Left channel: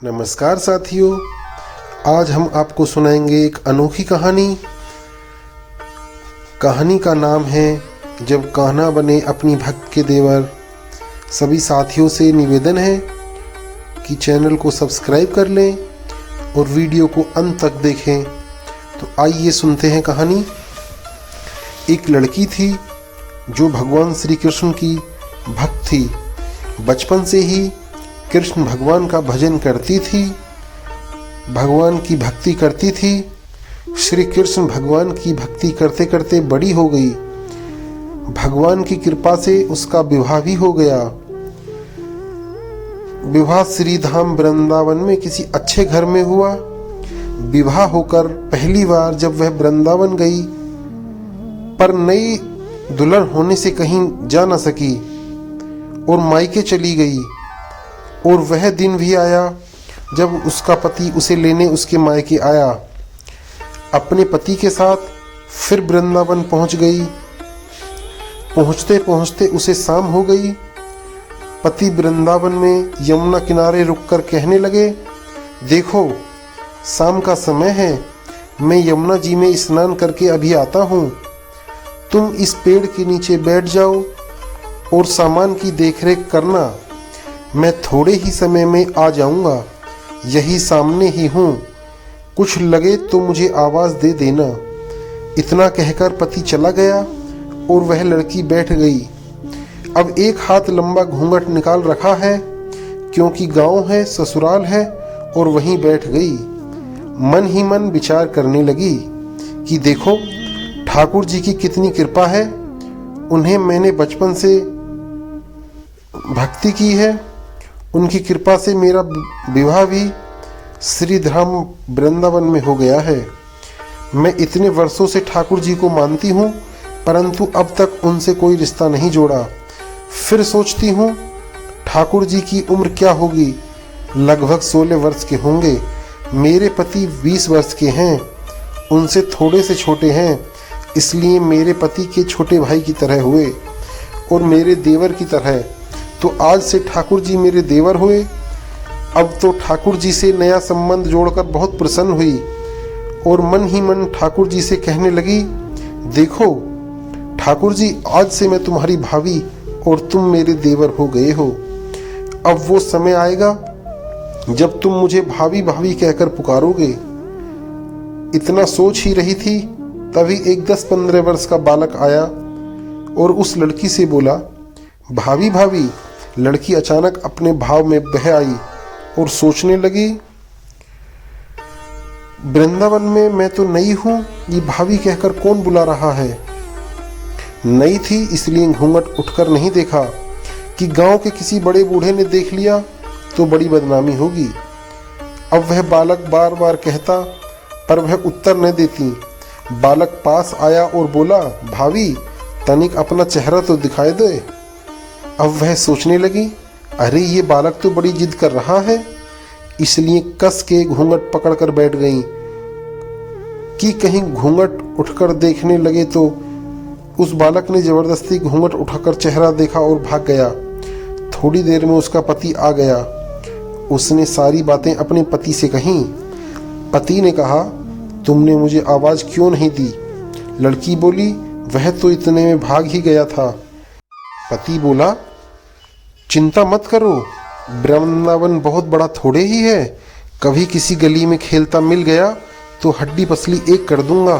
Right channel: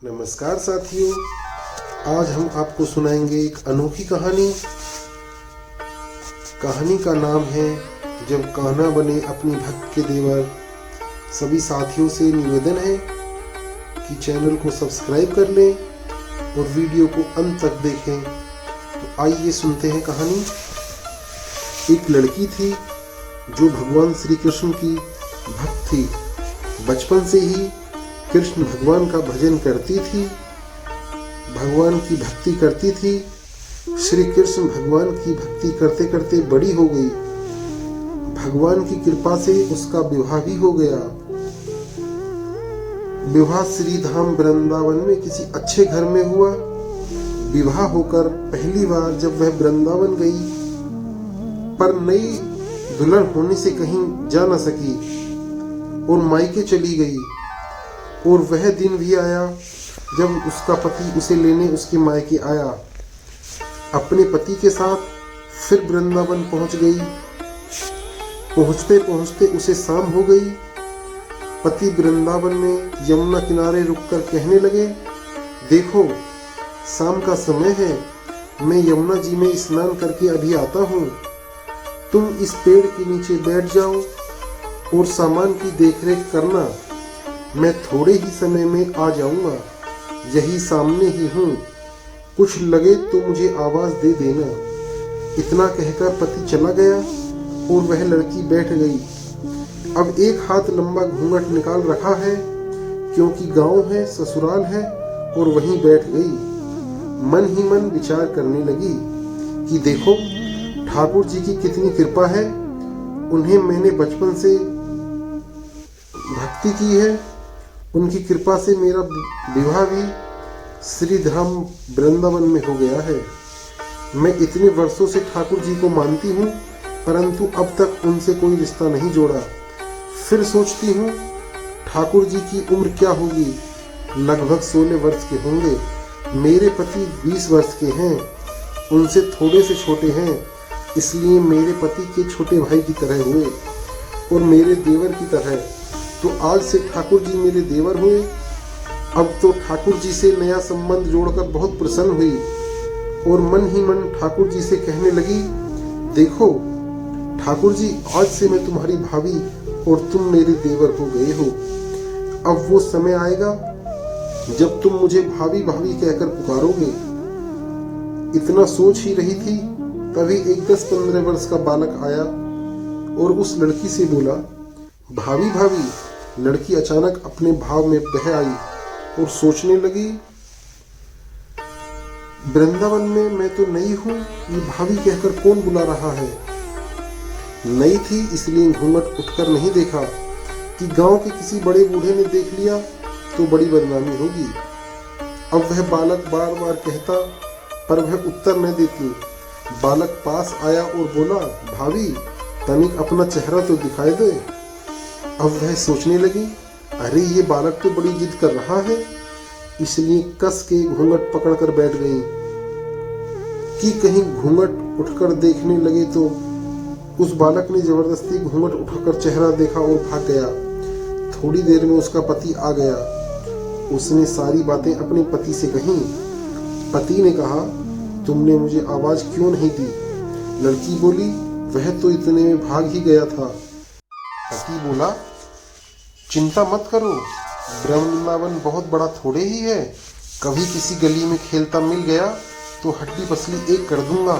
नमस्कार साथियों, आज हम आपको सुनाएंगे एक अनोखी कहानी। कहानी का नाम है जब कान्हा बने अपनी भक्त के देवर। सभी साथियों से निवेदन है कि चैनल को सब्सक्राइब कर लें और वीडियो को अंत तक देखें। तो आइए सुनते हैं कहानी। एक लड़की थी जो भगवान श्री कृष्ण की भक्त थी। बचपन से ही कृष्ण भगवान का भजन करती थी, भगवान की भक्ति करती थी। श्री कृष्ण भगवान की भक्ति करते करते बड़ी हो गई। भगवान की कृपा से उसका विवाह भी हो गया। विवाह श्री धाम वृंदावन में किसी अच्छे घर में हुआ। विवाह होकर पहली बार जब वह वृंदावन गई, पर नई दुल्हन होने से कहीं जा न सकी और मायके चली गई। और वह दिन भी आया जब उसका पति उसे लेने उसके मायके आया। अपने पति के साथ फिर वृंदावन पहुंच गई। पहुंचते पहुंचते उसे शाम हो गई। पति वृंदावन में यमुना किनारे रुककर कहने लगे, देखो शाम का समय है, मैं यमुना जी में स्नान करके अभी आता हूँ। तुम इस पेड़ के नीचे बैठ जाओ और सामान की देखरेख करना। मैं थोड़े ही समय में आ जाऊंगा, यही सामने ही हूँ। कुछ लगे तो मुझे आवाज दे देना। इतना कहकर पति चला गया और वह लड़की बैठ गई। अब एक हाथ लंबा घूंघट निकाल रखा है, क्योंकि गांव है, ससुराल है, और वहीं बैठ गई। मन ही मन विचार करने लगी कि देखो ठाकुर जी की कितनी कृपा है। उन्हें मैंने बचपन से भक्ति की है। उनकी कृपा से मेरा विवाह भी श्रीधाम वृंदावन में हो गया है। मैं इतने वर्षों से ठाकुर जी को मानती हूँ, परंतु अब तक उनसे कोई रिश्ता नहीं जोड़ा। फिर सोचती हूँ ठाकुर जी की उम्र क्या होगी, लगभग 16 वर्ष के होंगे। मेरे पति 20 वर्ष के हैं, उनसे थोड़े से छोटे हैं, इसलिए मेरे पति के छोटे भाई की तरह हुए और मेरे देवर की तरह। तो आज से ठाकुर जी मेरे देवर हुए। अब तो ठाकुर जी से नया संबंध जोड़कर बहुत प्रसन्न हुई और मन ही मन ठाकुर जी से कहने लगी, देखो ठाकुर जी, आज से मैं तुम्हारी भाभी और तुम मेरे देवर हो गए हो। अब वो समय आएगा जब तुम मुझे भाभी भाभी कहकर पुकारोगे। इतना सोच ही रही थी, तभी एक 10-15 वर्ष का बालक आया और उस लड़की से बोला, भाभी भाभी। लड़की अचानक अपने भाव में बह आई और सोचने लगी, वृंदावन में मैं तो नई हूं, ये भाभी कहकर कौन बुला रहा है। नई थी इसलिए घूंघट उठकर नहीं देखा कि गांव के किसी बड़े बूढ़े ने देख लिया तो बड़ी बदनामी होगी। अब वह बालक बार बार कहता, पर वह उत्तर न देती। बालक पास आया और बोला, भाभी तनिक अपना चेहरा तो दिखाई दे। अब वह सोचने लगी, अरे ये बालक तो बड़ी जिद कर रहा है, इसलिए कस के घूंघट पकड़कर बैठ गई कि कहीं घूंघट उठकर देखने लगे। तो उस बालक ने जबरदस्ती घूंघट उठाकर चेहरा देखा और भाग गया। थोड़ी देर में उसका पति आ गया। उसने सारी बातें अपने पति से कहीं। पति ने कहा, तुमने मुझे आवाज क्यों नहीं दी। लड़की बोली, वह तो इतने में भाग ही गया था। पति बोला, चिंता मत करो, वृंदावन बहुत बड़ा थोड़े ही है। कभी किसी गली में खेलता मिल गया तो हड्डी पसली एक कर दूंगा,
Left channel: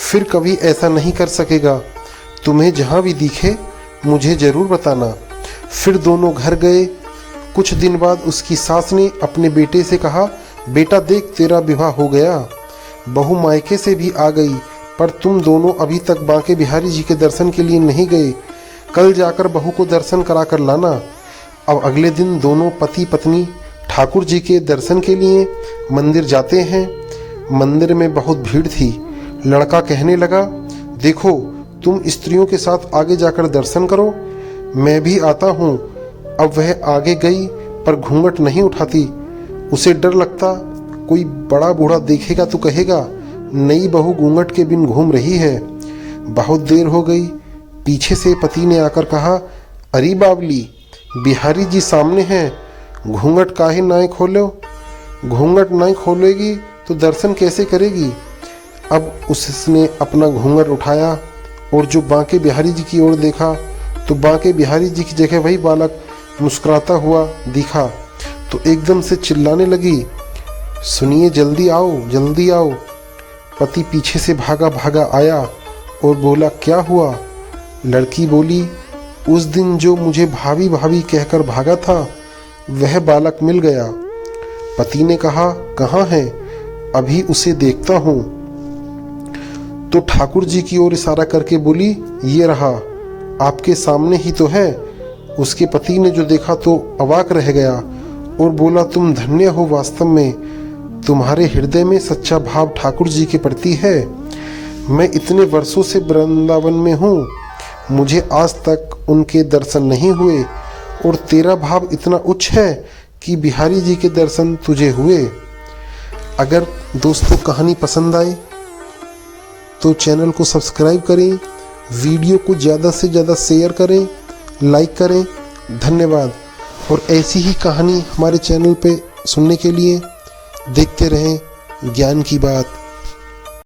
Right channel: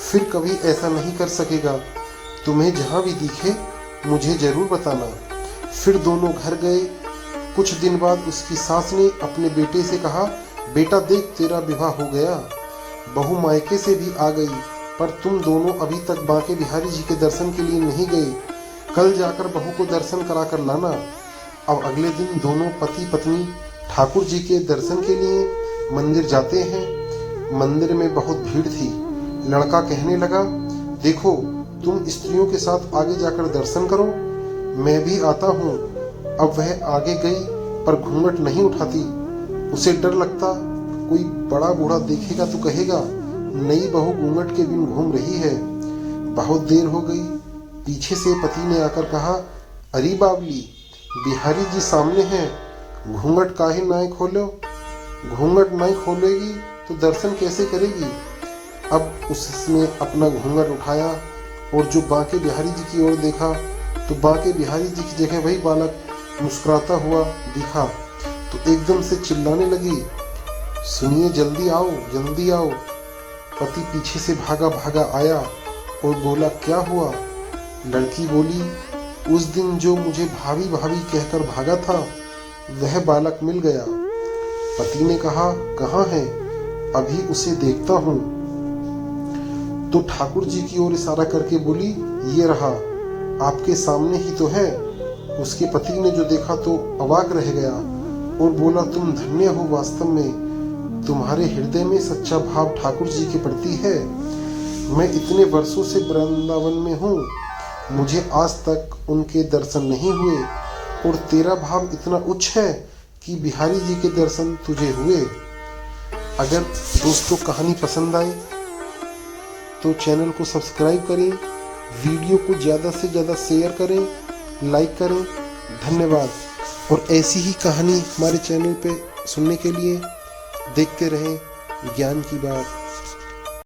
फिर कभी ऐसा नहीं कर सकेगा। तुम्हें जहां भी दिखे मुझे जरूर बताना। फिर दोनों घर गए। कुछ दिन बाद उसकी सास ने अपने बेटे से कहा, बेटा देख तेरा विवाह हो गया। बहू मायके से भी आ गई, पर तुम दोनों अभी तक बांके बिहारी जी के दर्शन के लिए नहीं गए। कल जाकर बहू को दर्शन करा कर लाना। अब अगले दिन दोनों पति पत्नी ठाकुर जी के दर्शन के लिए मंदिर जाते हैं। मंदिर में बहुत भीड़ थी। लड़का कहने लगा, देखो तुम स्त्रियों के साथ आगे जाकर दर्शन करो, मैं भी आता हूँ। अब वह आगे गई, पर घूंघट नहीं उठाती। उसे डर लगता, कोई बड़ा बूढ़ा देखेगा तो कहेगा, नई बहू घूंघट के बिन घूम रही है। बहुत देर हो गई। पीछे से पति ने आकर कहा, अरे बावली, बिहारी जी सामने हैं, घूंघट काहे ना खोलो। घूंघट नहीं खोलेगी तो दर्शन कैसे करेगी। अब उसने अपना घूंघट उठाया और जो बांके बिहारी जी की ओर देखा तो बांके बिहारी जी की जगह वही बालक मुस्कुराता हुआ दिखा। तो एकदम से चिल्लाने लगी, सुनिए, जल्दी आओ, जल्दी आओ। पति पीछे से भागा भागा आया और बोला, क्या हुआ। लड़की बोली, उस दिन जो मुझे भाभी भाभी कहकर भागा था वह बालक मिल गया। पति ने कहा, कहाँ है, अभी उसे देखता हूँ। तो ठाकुर जी की ओर इशारा करके बोली, ये रहा, आपके सामने ही तो है। उसके पति ने जो देखा तो अवाक रह गया और बोला, तुम धन्य हो, वास्तव में तुम्हारे हृदय में सच्चा भाव ठाकुर जी के प्रति है। मैं इतने वर्षों से वृंदावन में हूँ, मुझे आज तक उनके दर्शन नहीं हुए और तेरा भाव इतना उच्च है कि बिहारी जी के दर्शन तुझे हुए। अगर दोस्तों कहानी पसंद आए तो चैनल को सब्सक्राइब करें, वीडियो को ज़्यादा से ज़्यादा शेयर करें, लाइक करें। धन्यवाद। और ऐसी ही कहानी हमारे चैनल पे सुनने के लिए देखते रहें ज्ञान की बात।